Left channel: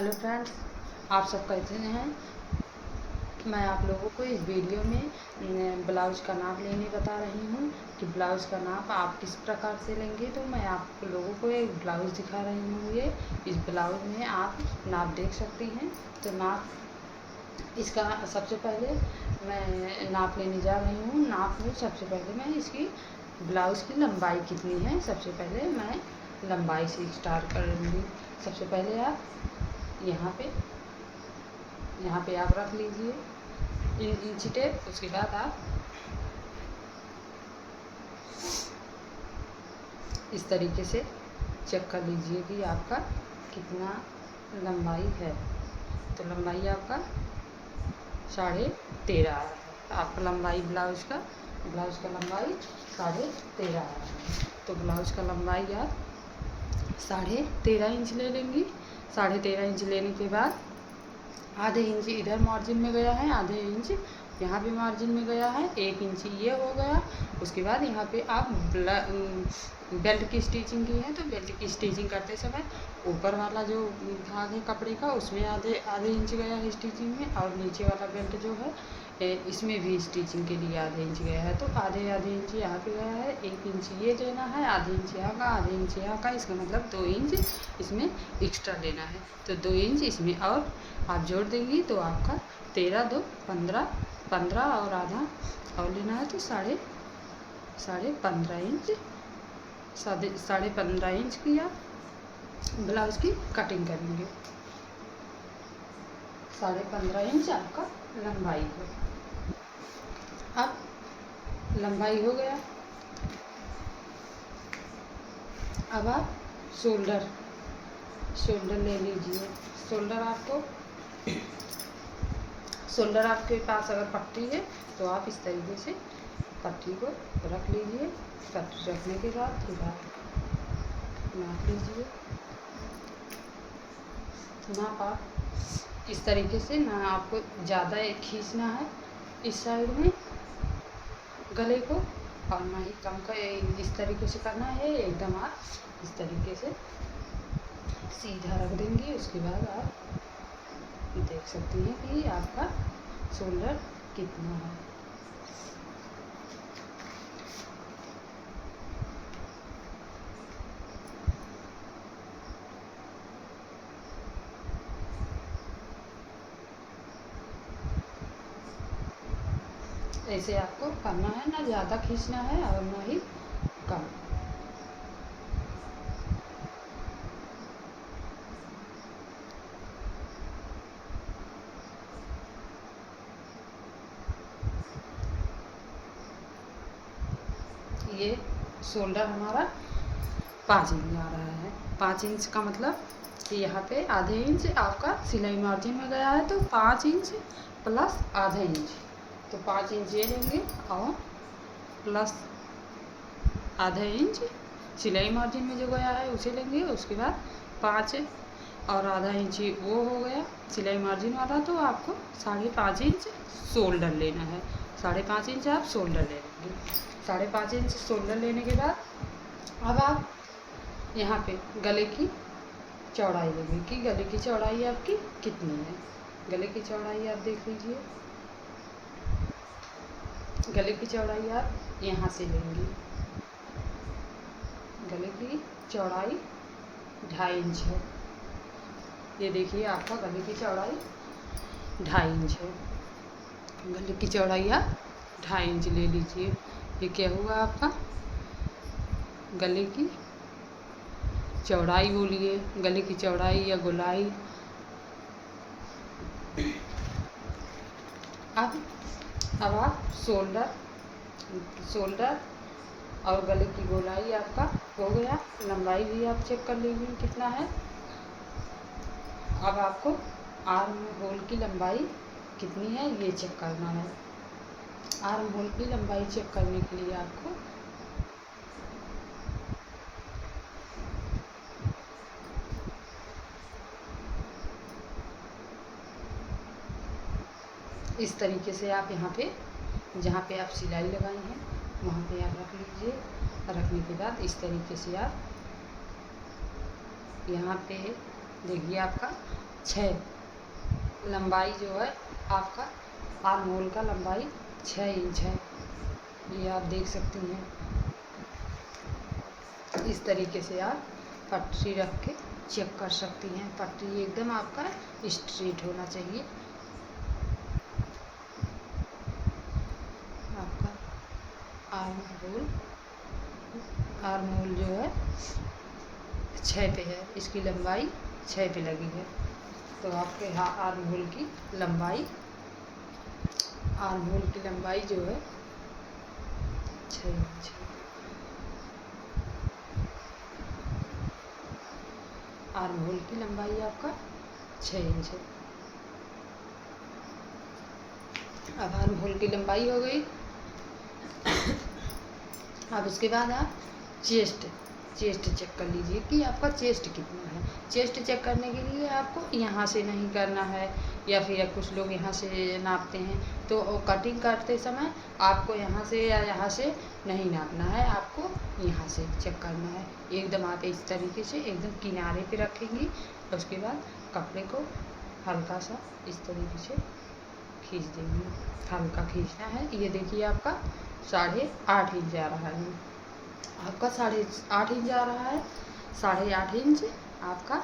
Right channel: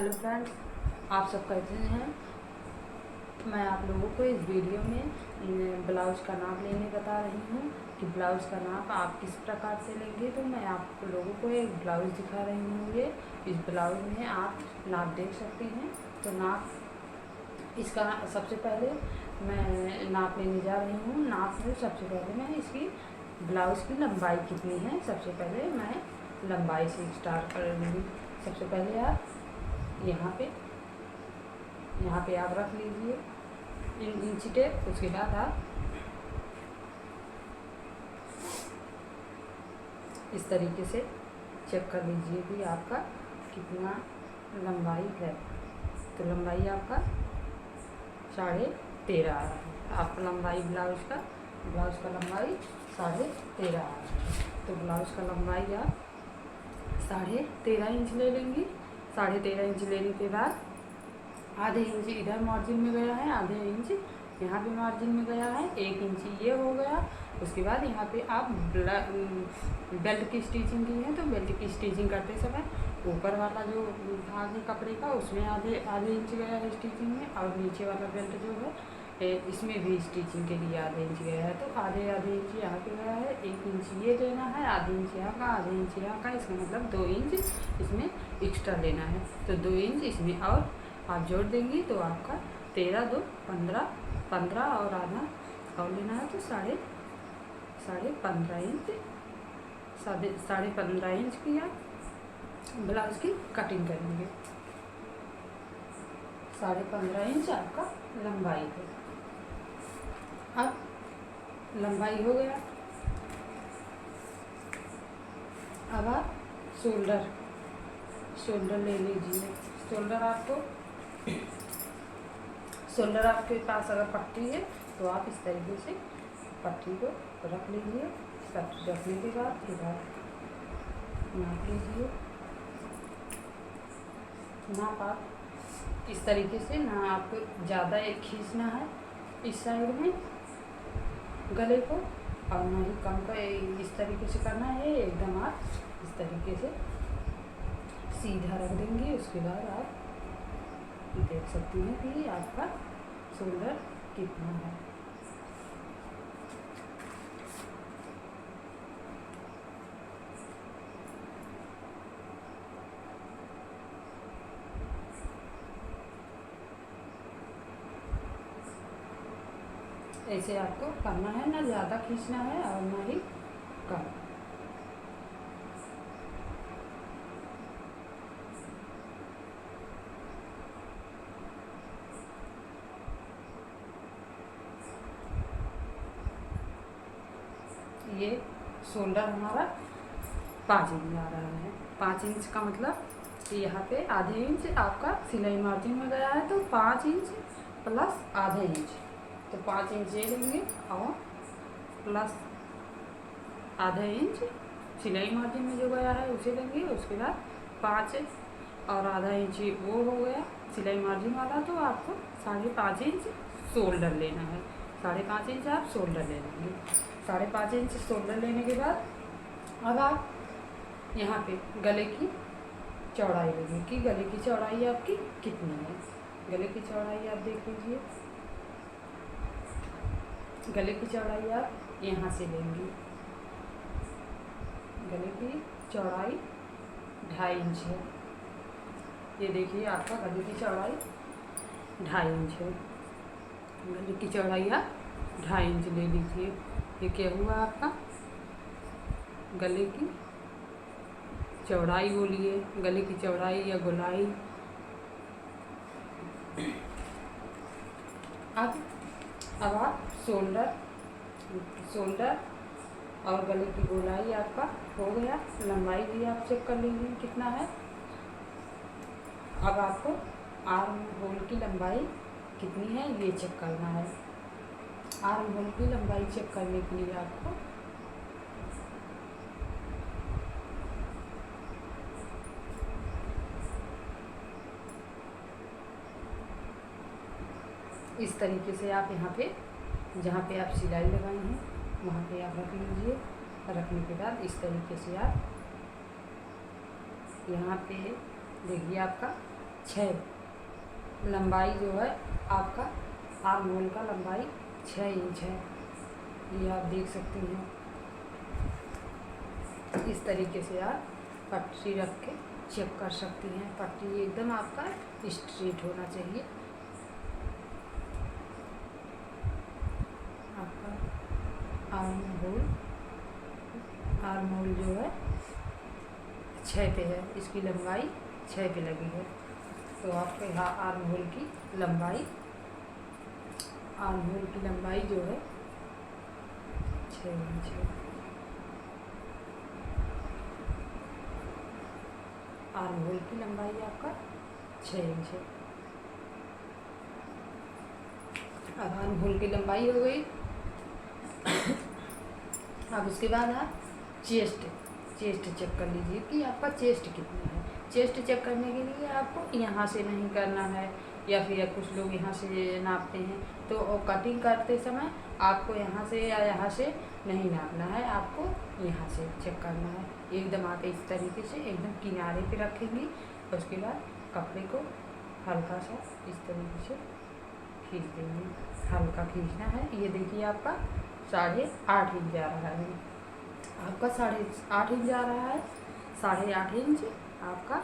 Hello friends, आप सब कैसे हैं। मैं आप लोगों को इस वीडियो में ब्लाउज़ का नाप लेने बता रही हूँ कि ब्लाउज़ का नाप आप किस प्रकार से लेंगे। तो मैं आप लोगों को एक ब्लाउज़ दिखा रही हूँ। ये इस ब्लाउज़ में आप नाप देख सकते हैं। तो नाप इसका सबसे पहले मैं नाप लेने जा रही हूँ। नाप में सबसे पहले मैं इसकी ब्लाउज़ की लंबाई कितनी है, सबसे पहले मैं लंबाई से स्टार्ट करूँगी। सबसे पहले आप यहाँ पे आप रख लीजिए इंची टेप। उसके बाद आप इस तरीके से चेक कर लीजिए कि आपका कितना लंबाई है। तो लंबाई आपका 13.5 है। आपका लंबाई ब्लाउज़ का लंबाई 13.5 है। तो ब्लाउज़ का लंबाई आप 13.5 इंच ले लेंगी। 13.5 इंच लेने के बाद आधे इंच इधर मार्जिन में गया है, आधे इंच यहाँ पे मार्जिन में गया है, 1 इंच ये हो गया। उसके बाद यहाँ पे आप बेल्ट की स्टिचिंग की है। तो बेल्ट की स्टिचिंग करते समय ऊपर वाला जो भाग है कपड़े का, उसमें आधे इंच गया है स्टिचिंग में, और नीचे वाला बेल्ट जो है इसमें भी स्टिचिंग के लिए आधे इंच गया है। तो आधे इंच यहाँ पे गया है, 1 इंच ये लेना है, आधे इंच यहाँ का, आधे इंच यहाँ का। इसका मतलब 2 इंच इसमें एक्स्ट्रा लेना है। तो 2 इंच इसमें और आप जोड़ देंगी तो आपका 13 2 15 और आधा और लेना है। तो साढ़े 15 इंच 15.5 इंच की आप ब्लाउज की कटिंग करेंगे। 15.5 इंच आपका लंबाई है। अब लंबाई हो गया। अब आप शोल्डर ले लीजिए। शोल्डर आपके पास अगर पट्टी है तो आप इस तरीके से पट्टी को रख लीजिए। पट्टी रखने के बाद फिर आप नाप लीजिए। नाप आप इस तरीके से, ना आपको ज़्यादा खींचना है इस साइड में गले को, और ना ही कम का इस तरीके से करना है। एकदम आप इस तरीके से सीधा रख देंगे। उसके बाद आप देख सकती हैं कि आपका शोल्डर कितना है। ऐसे आपको करना है, ना ज़्यादा खींचना है और ना ही कम। ये शोल्डर हमारा 5 इंच आ रहा है। 5 इंच का मतलब कि यहाँ पे आधे इंच आपका सिलाई मार्जिन में गया है। तो 5 इंच प्लस आधे इंच, तो 5 इंच ये लेंगे और प्लस आधे इंच सिलाई मार्जिन में जो गया है उसे लेंगे। उसके बाद 5 और आधा इंच वो हो गया सिलाई मार्जिन वाला। तो आपको 5.5 इंच शोल्डर लेना है। 5.5 इंच आप शोल्डर ले लेंगे। 5.5 इंच शोल्डर लेने के बाद अब आप यहाँ पे गले की चौड़ाई लेंगे कि गले की चौड़ाई आपकी कितनी है। गले की चौड़ाई आप देख लीजिए। गले की चौड़ाई आप यहाँ से लेंगी। गले की चौड़ाई 2.5 इंच है। ये देखिए आपका गले की चौड़ाई 2.5 इंच है। गले की चौड़ाई आप 2.5 इंच ले लीजिए। ये क्या होगा आपका गले की चौड़ाई, बोलिए गले की चौड़ाई या गोलाई। अब आप शोल्डर और गले की गोलाई आपका हो गया। लंबाई भी आप चेक कर लीजिए कितना है। अब आपको आर्म होल की लंबाई कितनी है ये चेक करना है। आर्म होल की लंबाई चेक करने के लिए आपको इस तरीके से आप यहाँ पे जहाँ पे आप सिलाई लगाई हैं वहाँ पे आप रख लीजिए। रखने के बाद इस तरीके से आप यहाँ पे देखिए आपका 6 लंबाई जो है आपका आर्म होल का लंबाई 6 इंच है। ये आप देख सकती हैं। इस तरीके से आप पट्टी रख के चेक कर सकती हैं। पट्टी एकदम आपका स्ट्रेट होना चाहिए। आपका आर्म होल जो है 6 पे है, इसकी लंबाई 6 पे लगी है। तो आपके यहाँ आर्म होल की लंबाई जो है 6 इंच है। आर्म होल की लंबाई आपका 6 इंच है। अब आर्म होल की लंबाई हो गई। अब उसके बाद आप चेस्ट चेक कर लीजिए कि आपका चेस्ट कितना है। चेस्ट चेक करने के लिए आपको यहाँ से नहीं करना है, या फिर कुछ लोग यहाँ से नापते हैं। तो कटिंग करते समय आपको यहाँ से या यहाँ से नहीं नापना है, आपको यहाँ से चेक करना है। एकदम आप इस तरीके से एकदम किनारे पे रखेंगी। उसके बाद कपड़े को हल्का सा इस तरीके से खींच देंगे। हल्का खींचना है। ये देखिए आपका 8.5 इंच आ रहा है। आपका 8.5 इंच आ रहा है। 8.5 इंच आपका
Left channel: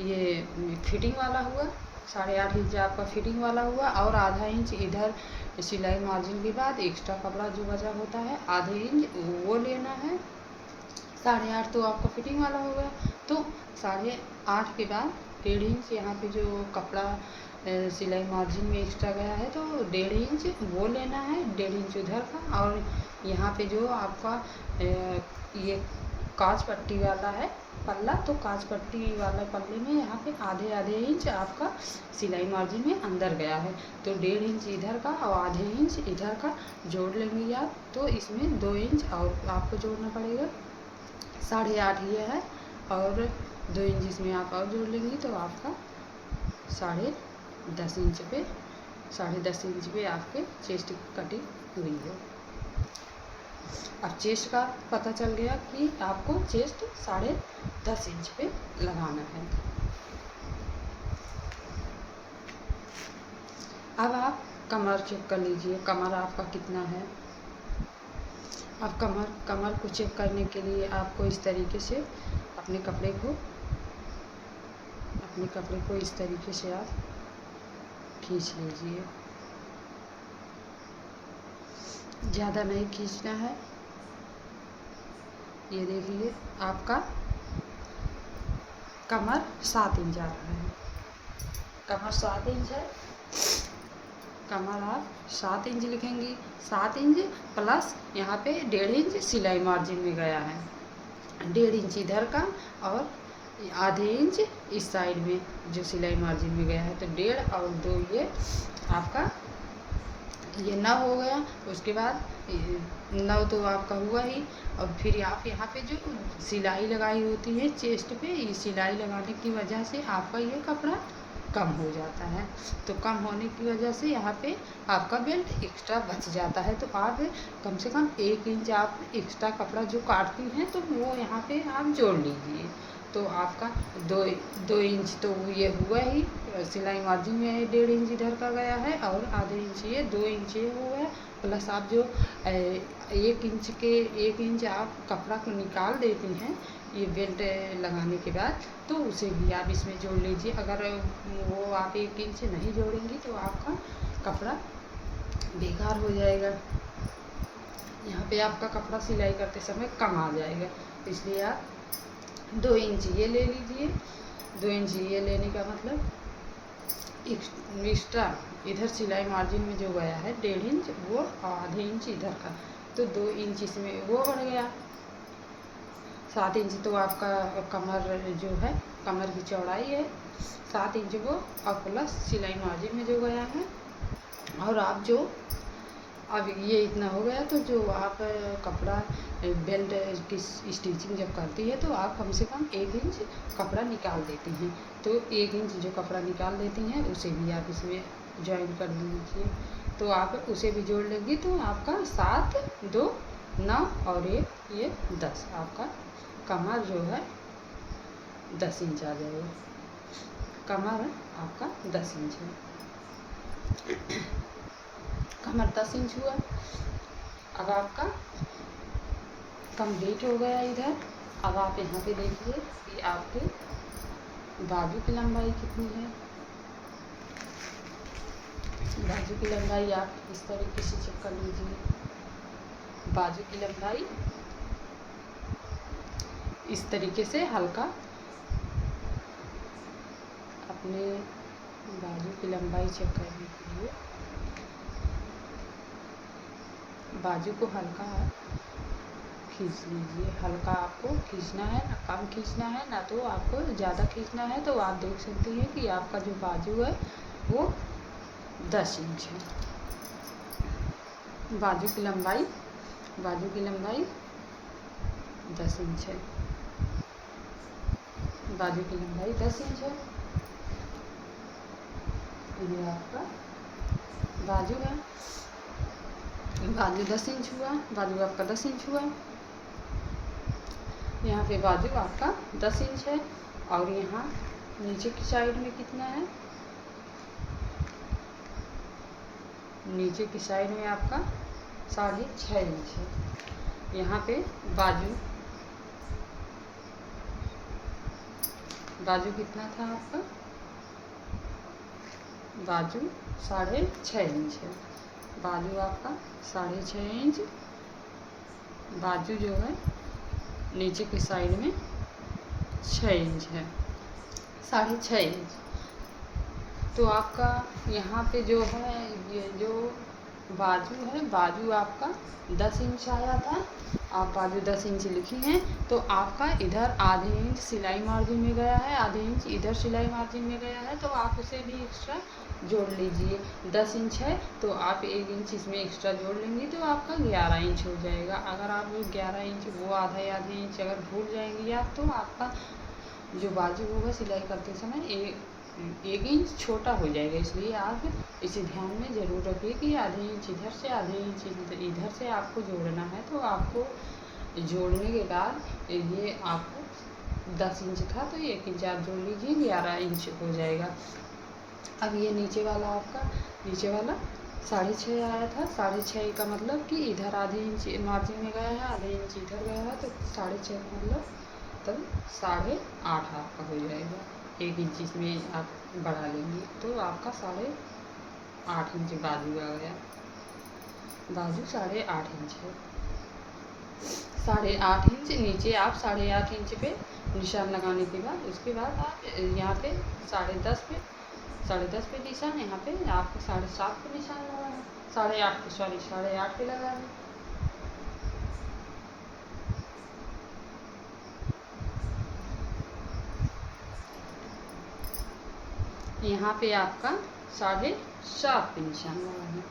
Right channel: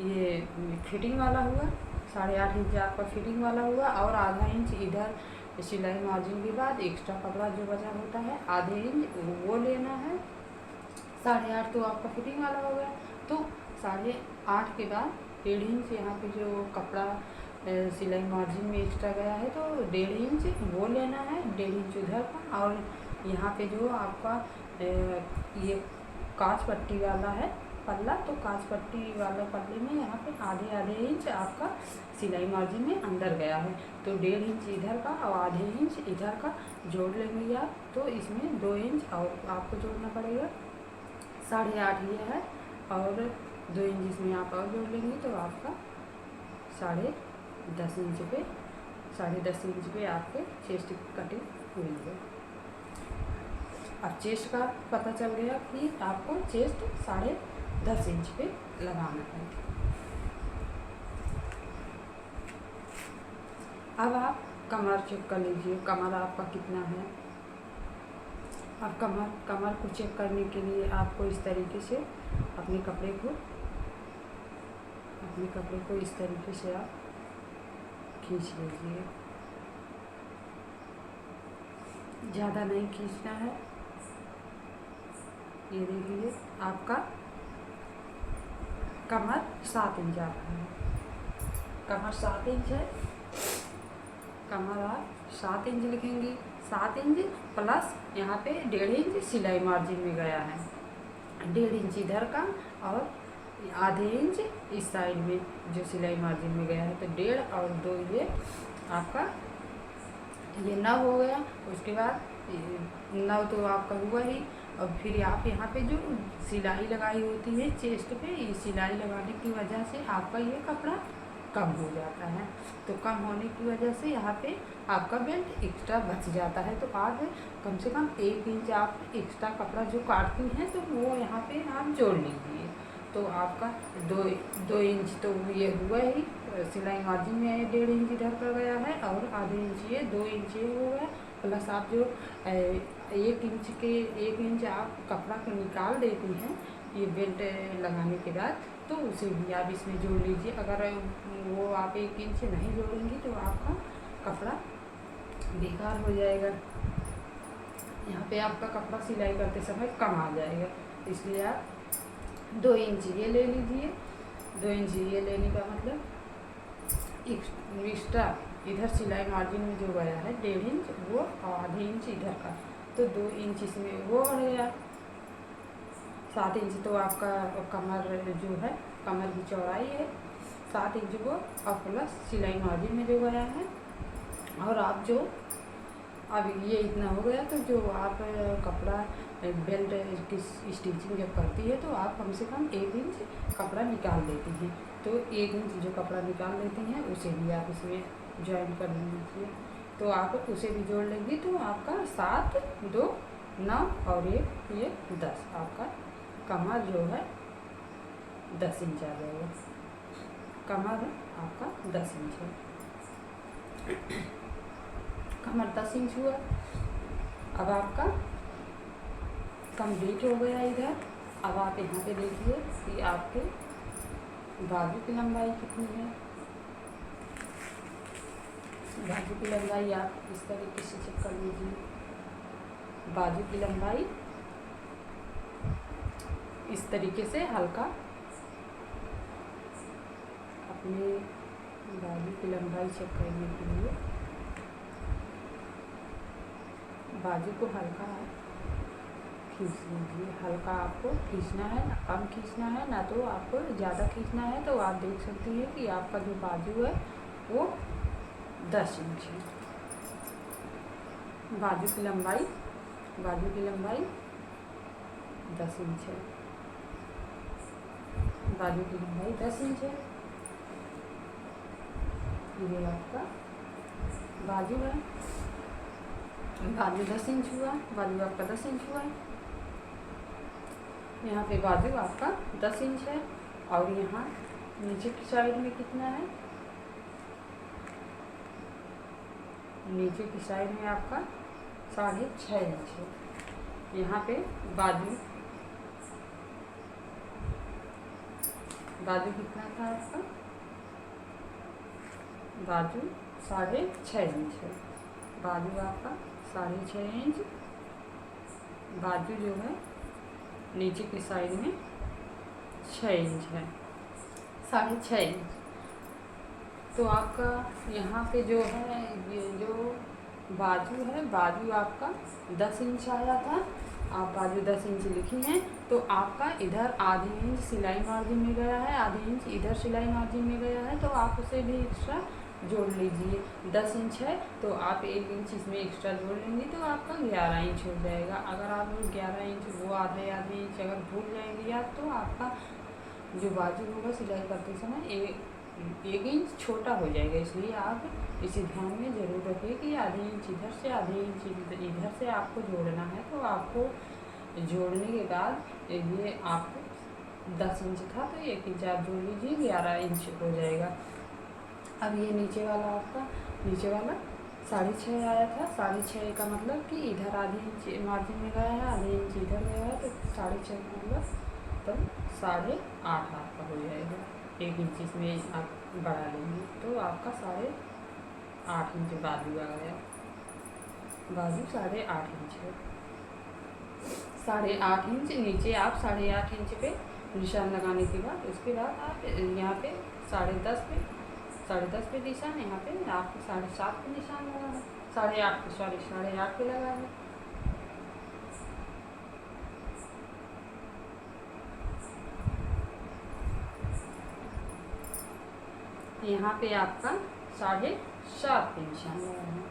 ये फिटिंग वाला हुआ। 8.5 इंच आपका फिटिंग वाला हुआ, और आधा इंच इधर सिलाई मार्जिन के बाद एक्स्ट्रा कपड़ा जो बचा होता है आधे इंच वो लेना है। 8.5 तो आपका फिटिंग वाला होगा। तो 8.5 के बाद 1.5 इंच यहाँ पे जो कपड़ा सिलाई मार्जिन में एक्स्ट्रा गया है तो 1.5 इंच वो लेना है, 1.5 इंच उधर का। और यहाँ पे जो आपका ये कांच पट्टी वाला है पल्ला, तो कांच पट्टी वाला पल्ले में यहाँ पे आधे इंच आपका सिलाई मार्जिन में अंदर गया है। तो 1.5 इंच इधर का और आधे इंच इधर का जोड़ लेंगे आप। तो इसमें 2 इंच और आपको जोड़ना पड़ेगा। 8.5 ये है, और 2 इंच इसमें आप और जोड़ लेंगी तो आपका 10.5 इंच पे 10.5 इंच पे आपके चेस्ट की कटिंग हुई है। अब चेस्ट का पता चल गया कि आपको चेस्ट 10.5 इंच पे लगाना है। अब आप कमर चेक कर लीजिए, कमर आपका कितना है। अब कमर को चेक करने के लिए आपको इस तरीके से अपने कपड़े को इस तरीके से आप खींच लीजिए। ज़्यादा नहीं खींचना है। ये देखिए आपका कमर 7 इंच आ रहा है। कमर 7 इंच है। कमर आप 7 इंच लिखेंगी। 7 इंच प्लस यहाँ पे 1.5 इंच सिलाई मार्जिन में गया है। 1.5 इंच इधर का और आधे इंच इस साइड में जो सिलाई मार्जिन में गया है। तो 1.5 और 2 ये आपका ये 9 हो गया। उसके बाद 9 तो आपका हुआ ही। और फिर आप यहाँ पे जो सिलाई लगाई होती है चेस्ट पे, ये सिलाई लगाने की वजह से आपका ये कपड़ा कम हो जाता है। तो कम होने की वजह से यहाँ पे आपका बेल्ट एक्स्ट्रा बच जाता है। तो आप कम से कम 1 इंच आप एक्स्ट्रा कपड़ा जो काटती हैं तो वो यहाँ पे आप जोड़ लीजिए। तो आपका 2 इंच तो ये हुआ ही। सिलाई मार्जिन में 1.5 इंच इधर का गया है और आधे इंच ये 2 इंच ये हुआ है। प्लस आप जो 1 इंच आप कपड़ा को निकाल देती हैं ये बेल्ट लगाने के बाद, तो उसे भी आप इसमें जोड़ लीजिए। अगर वो आप 1 इंच नहीं जोड़ेंगी तो आपका कपड़ा बेकार हो जाएगा। यहाँ पे आपका कपड़ा सिलाई करते समय कम आ जाएगा। इसलिए आप 2 इंच ये ले लीजिए। 2 इंच ये लेने का मतलब एक्स्ट्रा इधर सिलाई मार्जिन में जो गया है 1.5 इंच वो आधे इंच इधर का, तो 2 इंच इसमें वो बढ़ गया। 7 इंच तो आपका कमर जो है कमर की चौड़ाई है 7 इंच वो, और प्लस सिलाई मार्जिन में जो गया है। और आप जो अब ये इतना हो गया तो जो आप कपड़ा बेल्ट की स्टिचिंग जब करती है तो आप कम से कम 1 इंच कपड़ा निकाल देती हैं। तो 1 इंच जो कपड़ा निकाल देती हैं उसे भी आप इसमें ज्वाइन कर लीजिए। तो आप उसे भी जोड़ लेंगी तो आपका 7, 2, 9 और ये 10 आपका कमर जो है 10 इंच आ जाएगा। कमर आपका 10 इंच है, कमर 10 इंच हुआ। अब आपका कंप्लीट हो गया इधर। अब आप यहाँ पे देखिए कि आपके बाजू की लंबाई कितनी है। बाजू की लंबाई आप इस तरीके से चेक कर लीजिए। बाजू की लंबाई इस तरीके से हल्का अपने बाजू की लंबाई चेक करने के लिए बाजू को हल्का खींच लीजिए। हल्का आपको खींचना है, ना कम खींचना है, ना तो आपको ज़्यादा खींचना है। तो आप देख सकते हैं कि आपका जो बाजू है वो 10 इंच है। बाजू की लंबाई 10 इंच है। बाजू की लंबाई 10 इंच है। ये आपका बाजू है, बाजू 10 इंच हुआ। बाजू आपका 10 इंच हुआ। यहाँ पे बाजू आपका 10 इंच है और यहाँ नीचे की साइड में कितना है, नीचे की साइड में आपका 6.5 इंच है। यहाँ पे बाजू कितना था आपका, बाजू 6.5 इंच है। बाजू आपका 6.5 इंच। बाजू जो है नीचे की साइड में 6 इंच है, 6.5 इंच। तो आपका यहाँ पे जो है ये जो बाजू है, बाजू आपका 10 इंच आया था। आप बाजू 10 इंच लिखी हैं तो आपका इधर आधे इंच सिलाई मार्जिन में गया है, आधे इंच इधर सिलाई मार्जिन में गया है। तो आप उसे भी एक्स्ट्रा जोड़ लीजिए। 10 इंच है तो आप 1 इंच इसमें एक्स्ट्रा जोड़ लेंगे तो आपका 11 इंच हो जाएगा। अगर आप 11 इंच वो आधे इंच अगर भूल जाएंगी आप तो आपका जो बाजू होगा सिलाई करते समय 1 इंच छोटा हो जाएगा। इसलिए आप इसे ध्यान में ज़रूर रखिए कि आधे इंच इधर से आधे इंच इधर से आपको जोड़ना है। तो आपको जोड़ने के बाद ये आपको 10 इंच था तो 1 इंच आप जोड़ लीजिए, 11 इंच हो जाएगा। अब ये नीचे वाला आपका 6.5 आया था। 6.5 का मतलब कि इधर आधे इंच मार्जिन में गया है, आधे इंच इधर गया है। तो 6.5 मतलब तब 8.5 आपका हो जाएगा। 1 इंच इसमें आप बढ़ा लेंगे तो आपका 8.5 इंच बाजू आ गया। बाजू 8.5 इंच है। 8.5 इंच नीचे आप 8.5 इंच पे निशान लगाने के बाद उसके बाद आप यहाँ पे 10.5 पे निशान, यहाँ पे आपको 7.5 पे निशान लगाना, 8.5 पे लगा है। यहाँ पे आपका 7.5 पे निशान लगाना।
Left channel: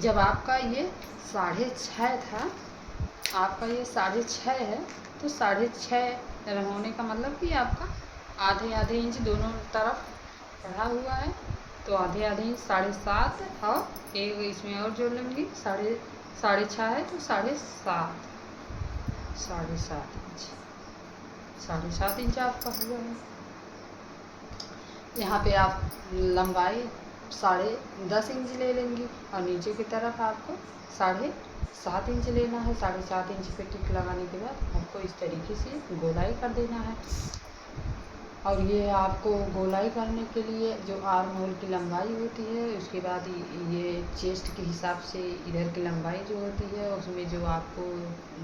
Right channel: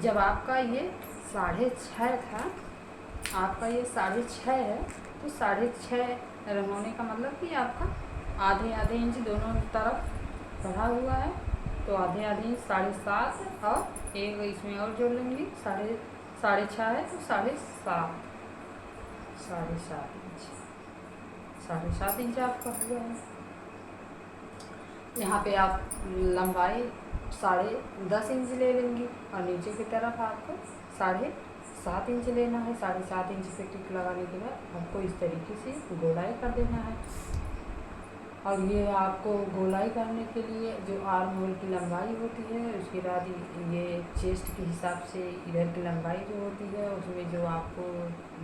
जब आपका ये 6.5 था, आपका ये 6.5 है तो 6.5 रंगोने का मतलब कि आपका आधे इंच दोनों तरफ बढ़ा हुआ है। तो आधे इंच 7.5 और एक इसमें और जोड़ लेंगे 6.5 है तो 7.5 इंच, 7.5 इंच आपका हुआ है। यहाँ पे आप लंबाई 10.5 इंच ले लेंगी और नीचे की तरफ आपको 7.5 इंच लेना है। 7.5 इंच पे टिक लगाने के बाद आपको इस तरीके से गोलाई कर देना है। और ये आपको गोलाई करने के लिए जो आर्म होल की लंबाई होती है, उसके बाद ये चेस्ट के हिसाब से इधर की लंबाई जो होती है उसमें जो आपको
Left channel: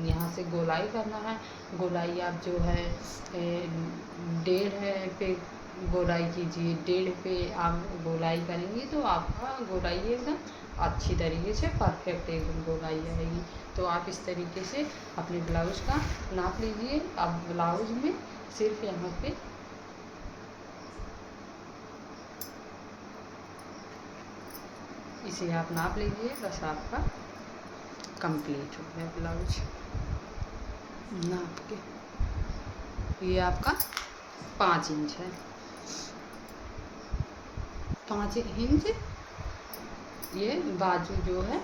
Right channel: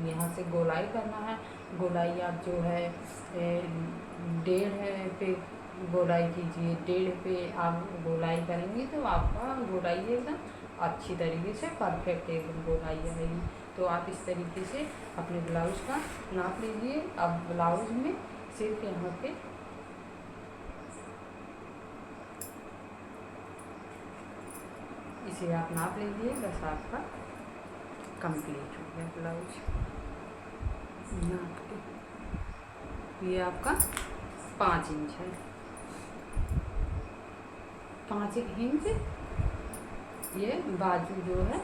यहाँ से गोलाई करना है। गोलाई आप जो है 1.5 पे गोलाई कीजिए। 1.5 पे आप गोलाई करेंगी तो आपका गोलाई एकदम अच्छी तरीके से परफेक्ट एकदम गोलाई आएगी। तो आप इस तरीके से अपने ब्लाउज का नाप लीजिए। अब ब्लाउज में सिर्फ यहाँ पे इसे आप नाप लीजिए, बस आपका कंप्लीट हो गया ब्लाउज नाप के। ये आपका 5 इंच है। 5 इंच ये बाजू जो है,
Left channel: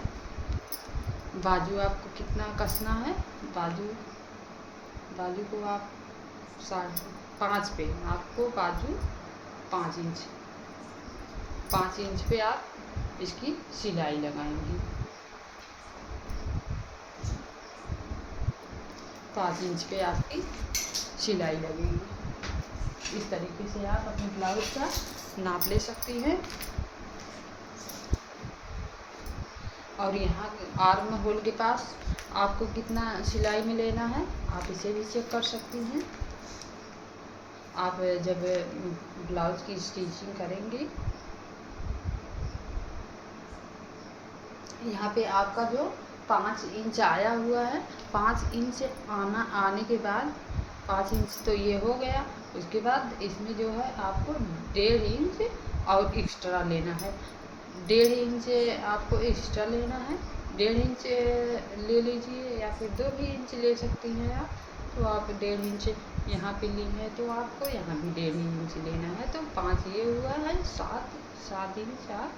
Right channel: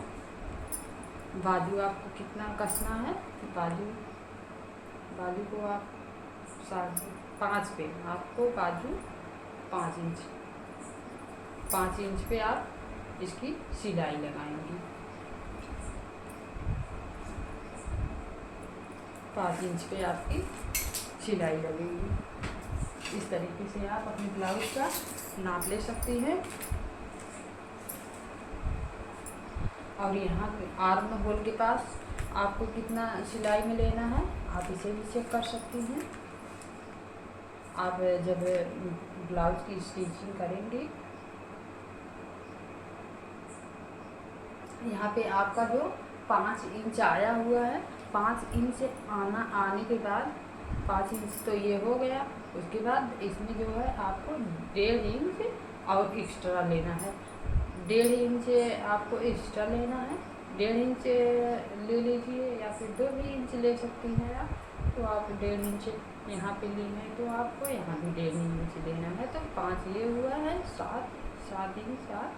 बाजू आपको कितना कसना है, बाजू को आप 5 पे आपको बाजू 5 इंच 5 इंच पे आप इसकी सिलाई लगाएंगी। 5 इंच पे आपकी सिलाई लगेगी। इस तरीके से आप अपने ब्लाउज का नाप ले सकती हैं। और यहाँ आर्म होल के पास आपको कितना सिलाई में लेना है आप इसे भी चेक कर सकती हैं। आप जब ब्लाउज की स्टिचिंग करेंगे, यहाँ पे आपका जो 5 इंच आया हुआ है, 5 इंच आने के बाद 5 इंच तो ये हो गया। उसके बाद इसमें जो है आपको 1.5 इंच और एक्स्ट्रा लेना है। 1.5 इंच आपको एक्स्ट्रा लेना है। 1.5 इंच ले लीजिए या फिर 2 भी इंच ले सकती हैं आप। तो आप 1.5 इंच यहाँ पे ली है तो आपको यहाँ भी 1.5 इंच लेना है। तो 5 ये हुआ है, 7 इंच आप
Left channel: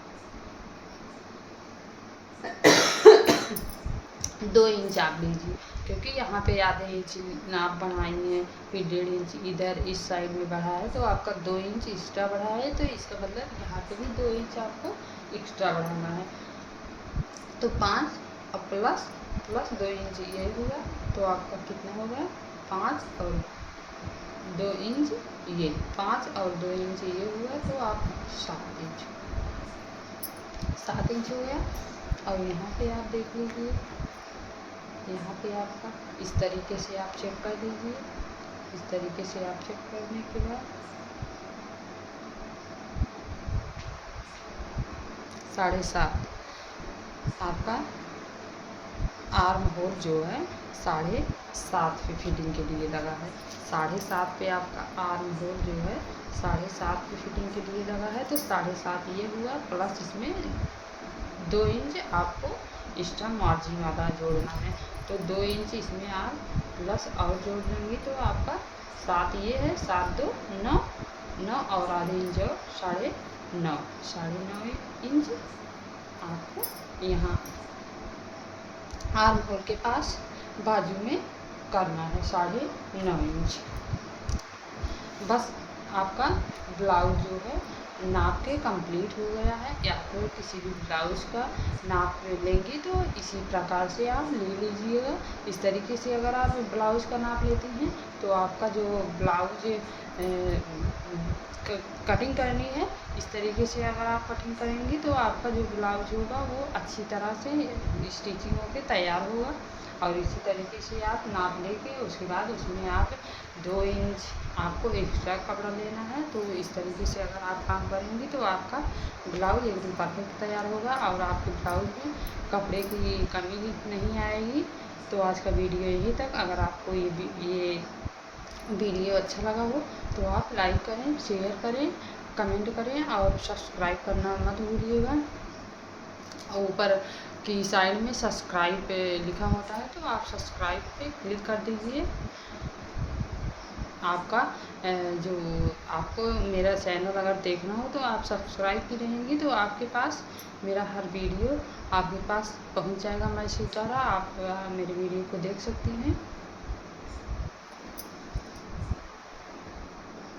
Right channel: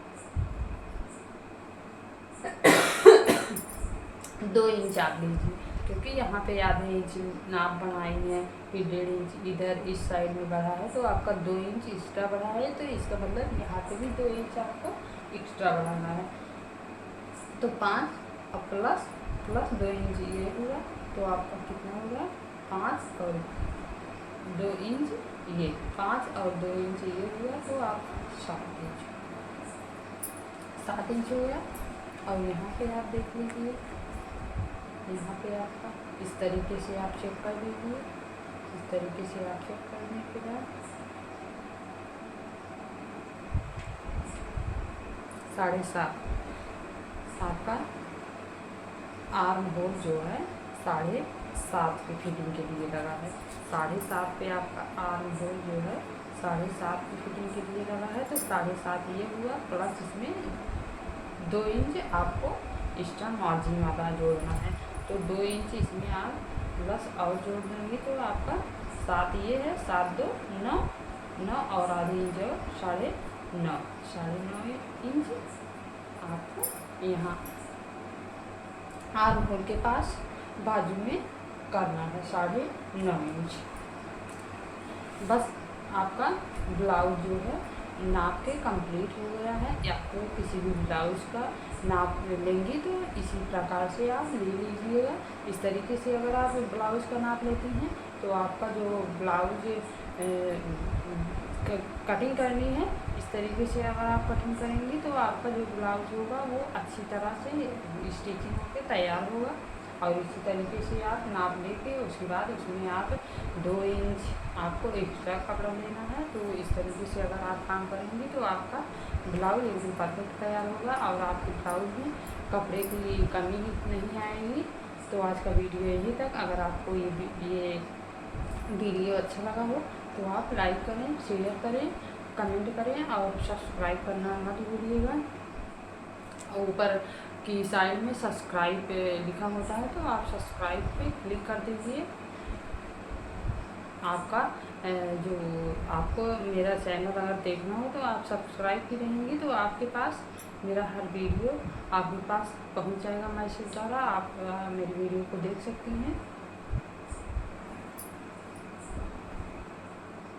2 इंच आप लीजिए, क्योंकि यहाँ पे आधे इंच नाप बढ़ाई है, फिर 1.5 इंच इधर इस साइड में बढ़ा है तो आपका 2 इंच एक्स्ट्रा बढ़ा है। तो इसका मतलब यहाँ पे भी 2 इंच आपको एक्स्ट्रा बढ़ाना है। तो 5 और प्लस 2 इंच ये हुआ तो आपका कितना होगा, 5 और 2 इंच ये, 5 और 2 इंच ये हुआ तो आपका 7 इंच हो गया। और यहाँ पे आप देख लीजिए, यहाँ पे आपका इस तरीके से आप चेक कर लीजिए। इस तरीके से आप चेक करने के बाद 7.5 आपका आर्म होल जो है 7.5 पे फिटिंग के लिए लगा है। 7.5 पे आपका आर्म होल जो है 7.5 पे फिटिंग के लिए लगा है। तो 7.5 ये हुआ, प्लस इसमें 2 इंच आपको एक्स्ट्रा मार्जिन वाला जोड़ना है। तो 2 इंच इसमें आप प्लस और जोड़ देंगे तो आपका 7 ये है, 7 2 9 और आधी इंच और 9.5 इंच आपको यहाँ आर्म होल के पास बाजू में करना है 9.5 इंच। बस आपका ब्लाउज जो है नाप के कंप्लीट हो गया है। या तो किसी भी ब्लाउज का नाप लेंगी तो इसी प्रकार से आप ले लीजिएगा। इस तरीके से अगर आप ब्लाउज का नाप लेती हैं तो आपका जो ब्लाउज कटिंग करनी है, इस तरीके से अगर आप कटिंग करेंगी तो आपका जो ब्लाउज होगा वो अच्छी तरह से स्टिचिंग होकर तैयार होगा। और इसी तरीके से आप नाप लेके उसके बाद उसमें आप 2 इंच आपको एक्स्ट्रा कपड़ा लेना है। तो इस तरीके से अगर आप काम करेंगी तो आपका ब्लाउज एकदम परफेक्ट तैयार होगा और आपके ब्लाउज में कपड़े की कमी नहीं आएगी। तो आज का वीडियो यहीं तक। अगर आपको ये वीडियो अच्छा लगा हो तो आप लाइक करें, शेयर करें, कमेंट करें और सब्सक्राइब करना मत भूलिएगा। और ऊपर की साइड में सब्सक्राइब पे लिखा होता है तो आप सब्सक्राइब पे क्लिक कर दीजिए। आपका जो आपको मेरा चैनल अगर देखना हो तो आप सब्सक्राइब की रहेंगी तो आपके पास मेरा हर वीडियो आपके पास पहुंच जाएगा मैसेज द्वारा। आप मेरे वीडियो को देख सकती हैं।